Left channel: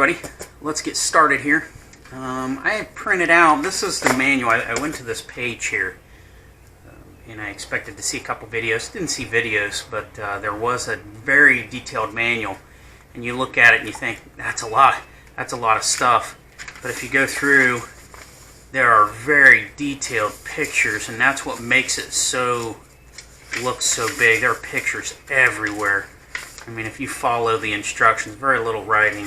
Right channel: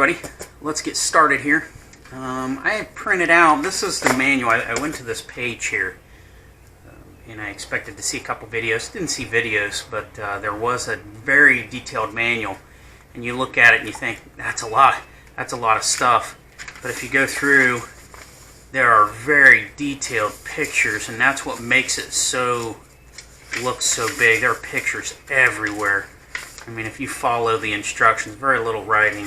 everybody, let's get started here. I have printed out, this is the manual. I went to this page here and I expected to see a couple videos. Didn't see videos, but there was a very detailed manual, and you look at it and you think that's a lot of stuff. But if you go through, there are very detailed pictures, and that's what makes it look so big. There are pictures everywhere. I mean, if you follow the instructions, very little writing.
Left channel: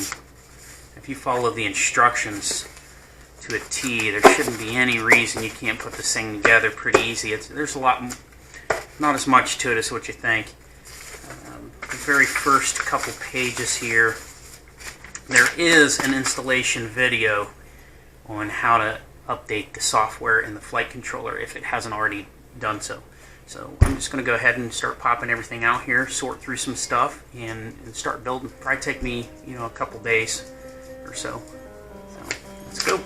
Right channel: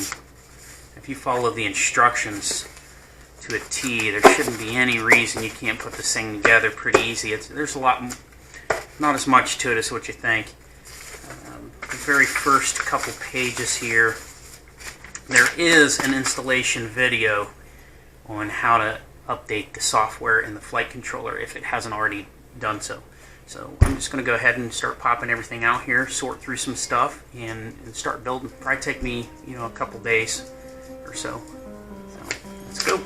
If you follow the instructions to a T, there shouldn't be any reason you can't put this thing together pretty easy. There's a lot, not as much to it as what you think. The very first couple pages here, there is an installation video on how to update the software in the flight controller if it hasn't already done so. So I'm just going to go ahead and start popping everything out here, sort through some stuff, and start building. Probably take me, a couple days or so. So let's go.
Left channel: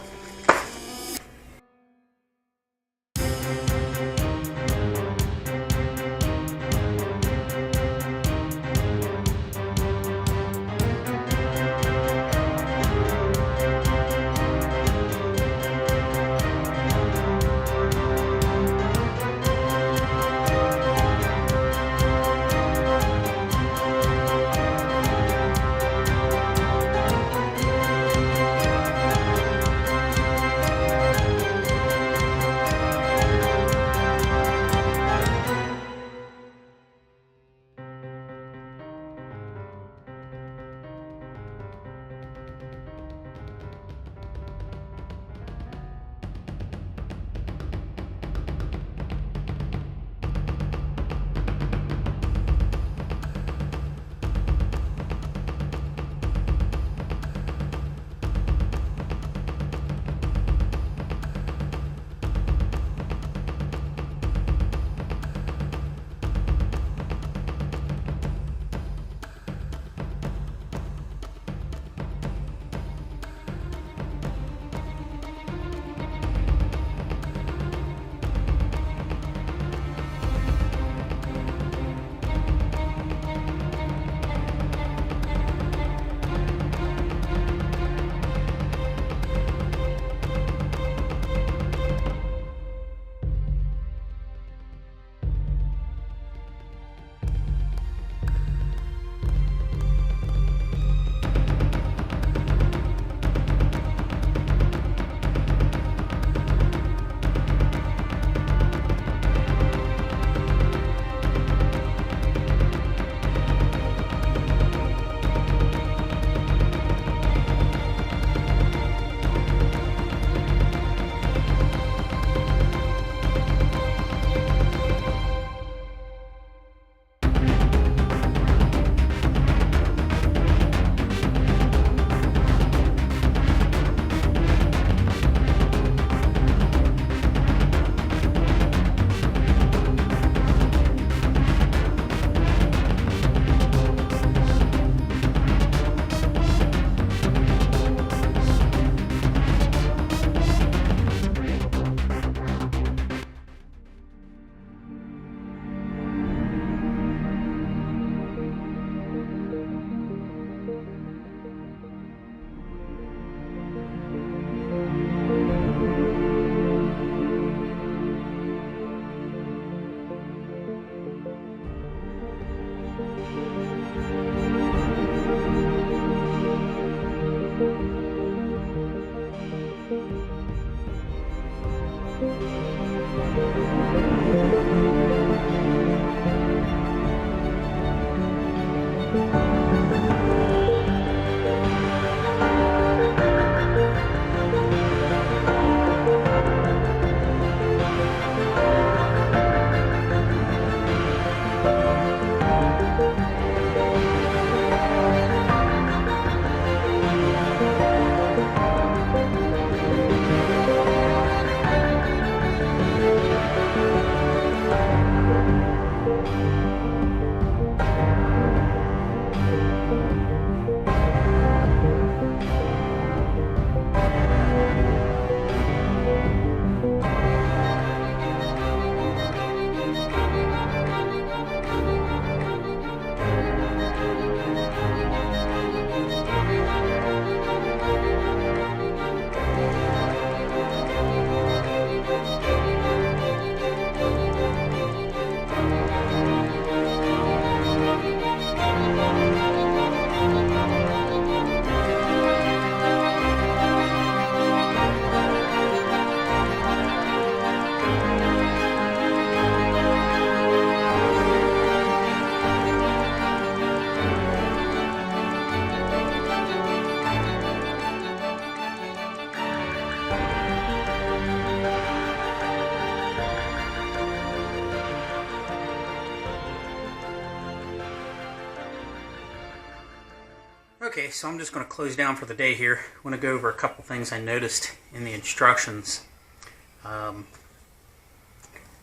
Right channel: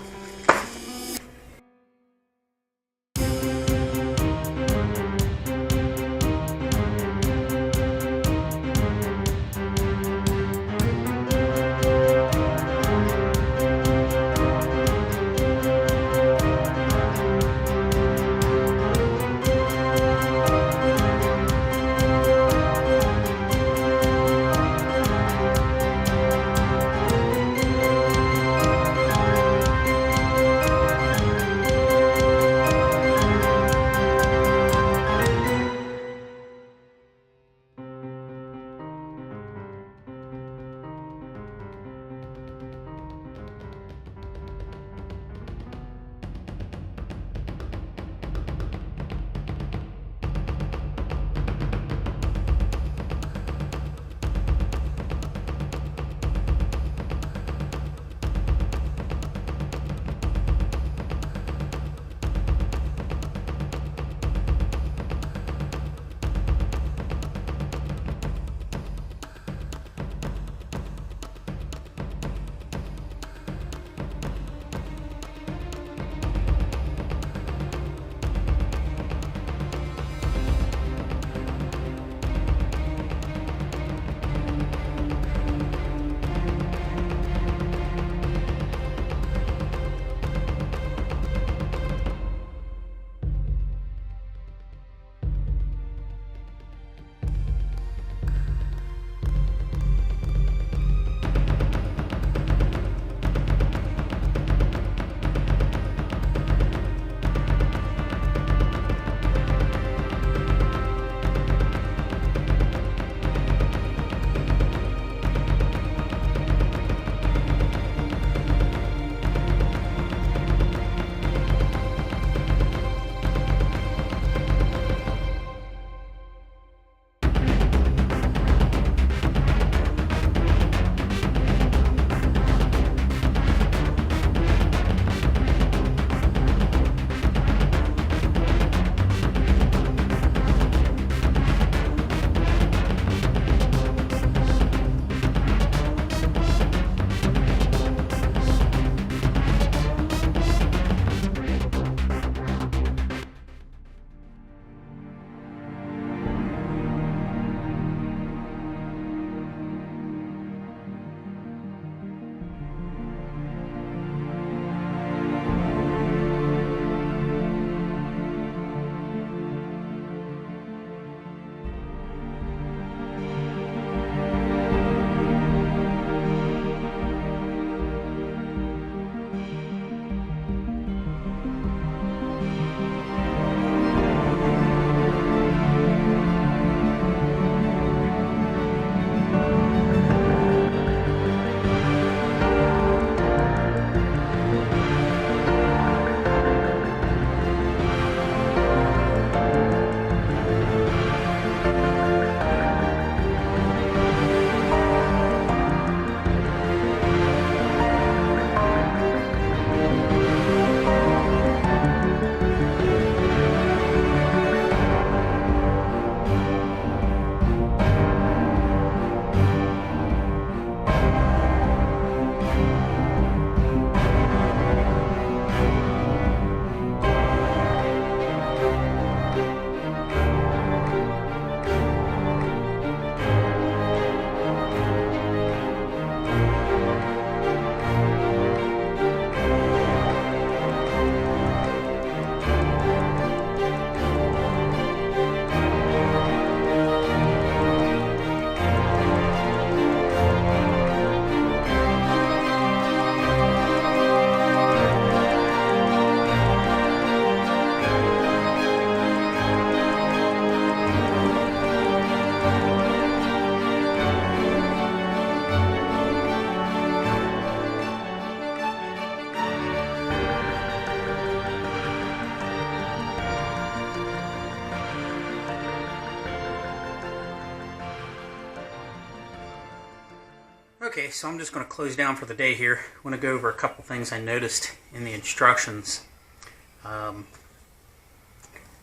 Okay, so I'm just going to close down for the day here. I want to go over a couple things I noticed in the instructions.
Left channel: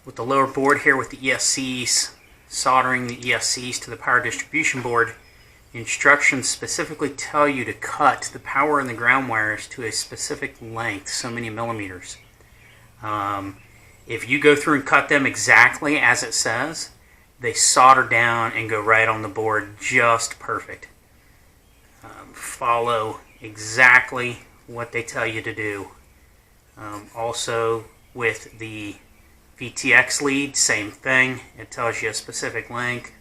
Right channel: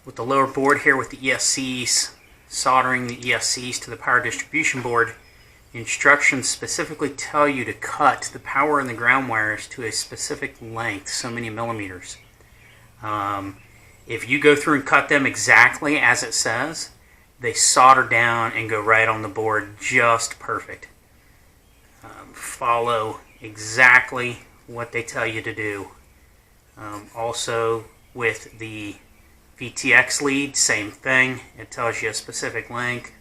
With the lower board here with the ESCs, soldering the ESCs to the power distribution board, the instructions specifically tell you to cut the power and the ground wires to a specific length, so many millimeters. If you go through and cut them exactly as it says, they solder down and go right on the board just perfect. Follow exactly what they tell you to do. Also with the VTX lead, same thing. It tells you a specific length.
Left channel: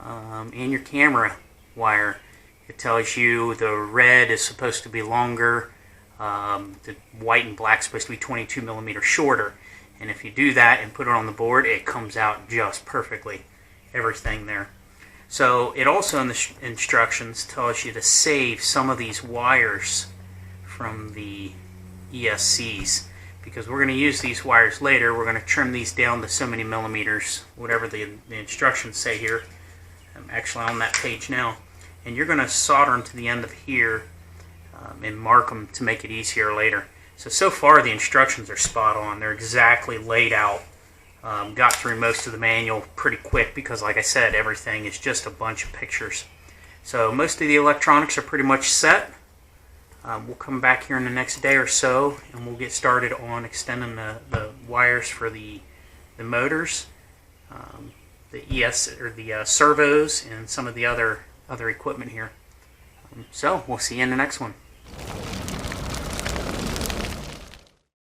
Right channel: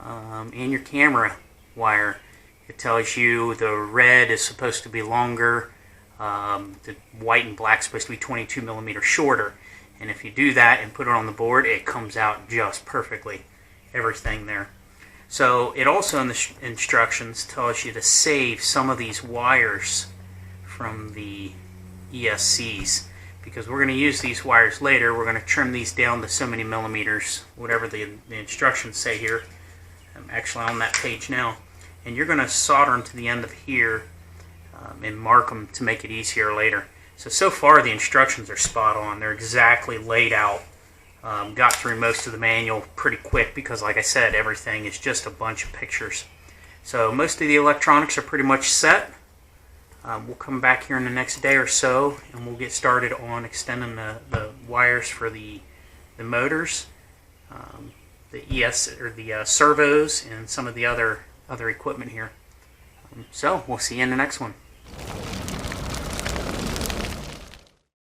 And your camera wire, it tells you the red is supposed to be longer, the white and black is supposed to be 22 millimeters shorter. And if you do that and put it on the board, it comes out just perfectly. Everything there. So it also in the instructions tells you to save some of these wires from the ESCs, because we're going to use these wires later. We're going to trim these down to so many millimeters, whatever the instructions say here. I'm actually on that page now. And you're going to solder them to the end of here and mark them to make it easier later. So far the instructions are spot on. They're exactly laid out. Got through most of the manual pretty quick because, like I said, everything is just a bunch of pictures. So most of the electronics are pretty much set. We'll come back here in the next day or so and we'll get started on extending the wires for the motors, the servos, and some of the other equipment here. So we'll see you in the next one.